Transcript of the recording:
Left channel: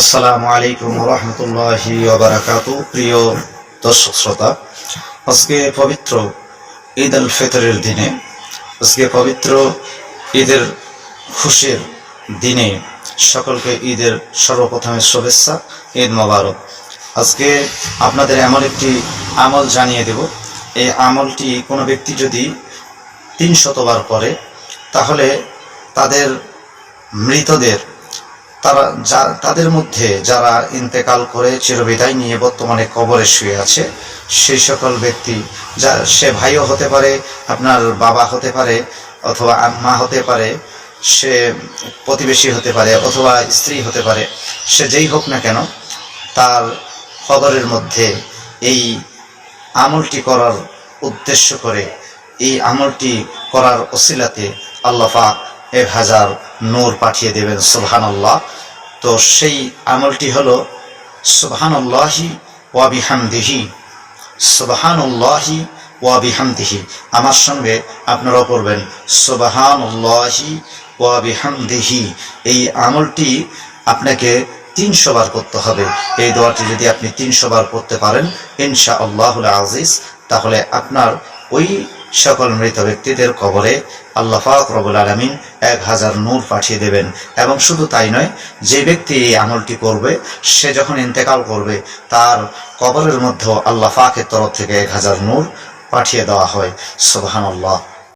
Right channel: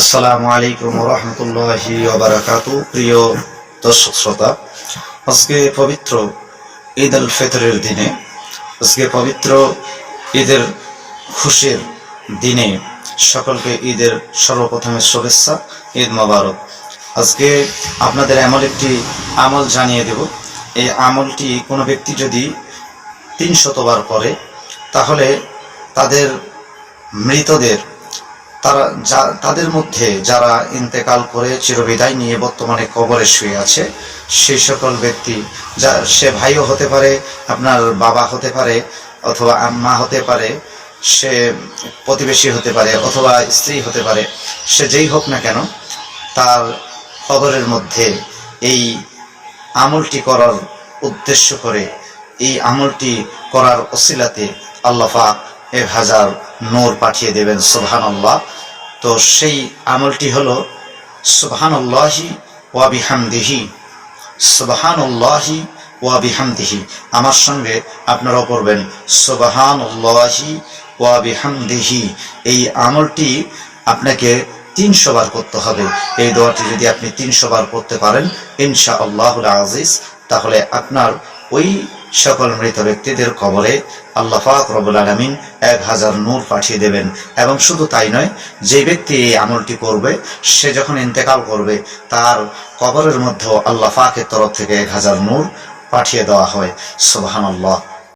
আসসালামু আলাইকুম রহমতুল্লাহি ওবারাকাতু। প্রিয় দর্শক শ্রোতা, আজকে পবিত্র ঈদ আল ফিতরের দিনে, আজকে পবিত্র ঈদের খুশির দিনে সকলকে ঈদের সর্বপ্রথমে শুভেচ্ছা, ঈদ মোবারক। আজকে আপনাদের এমন একটি আমল জানিয়ে দেব। এই আমলটি কোনো ব্যক্তি যদি 300 বার করে, তাহলে তাদের মৃতদের তাদের মধ্যে যারা ইন্তেকাল করে চিরবিদায় নিয়ে বর্তমানে কবরে শুয়ে আছে, সেই সকল ব্যক্তি, যা সে ভাইও হতে পারে, আপনার বাবা হতে পারে, অথবা আম্মা হতে পারে, সে প্রতিবেশী হতে পারে, অথবা স্ত্রী হতে পারে, সে যেই হোক না কেন, তার কবরের মধ্যে এই আমলটি করার উদ্দেশ্য করে, এই আমলটি করার ওসিলাতে আল্লাহ পাক 1000 নূর পাঠিয়ে দেবেন। সুবহানাল্লাহ। তো সেই আমলটি হলো সুবহানাল্লাহি ওয়া বিহামদিহি, সুবহানাল্লাহি ওয়া বিহামদিহি। আমার সঙ্গে আপনারাও পড়বেন সুবহানাল্লাহি ওয়া বিহামদিহি। এই আমলটি আপনাকে 300 বার করতে হবে। এই দোয়াটি যদি আপনি 300 বার করতে পারেন ইনশাআল্লাহুল আজিজ, তাহলে আপনার ওই সকল মৃত ব্যক্তিদের কবরে আল্লাহ পাক রব্বুল আলামিন 1000 নূর পাঠিয়ে দেবেন। এবং শুধু তাই নয়, যে ব্যক্তি এই আমলটি করবে, সে যখন ইন্তেকাল করবে, তার কবরের মধ্যেও আল্লাহ পাকের তরফ থেকে 1000 নূর পাঠিয়ে দেওয়া হয়। সুবহানাল্লাহ।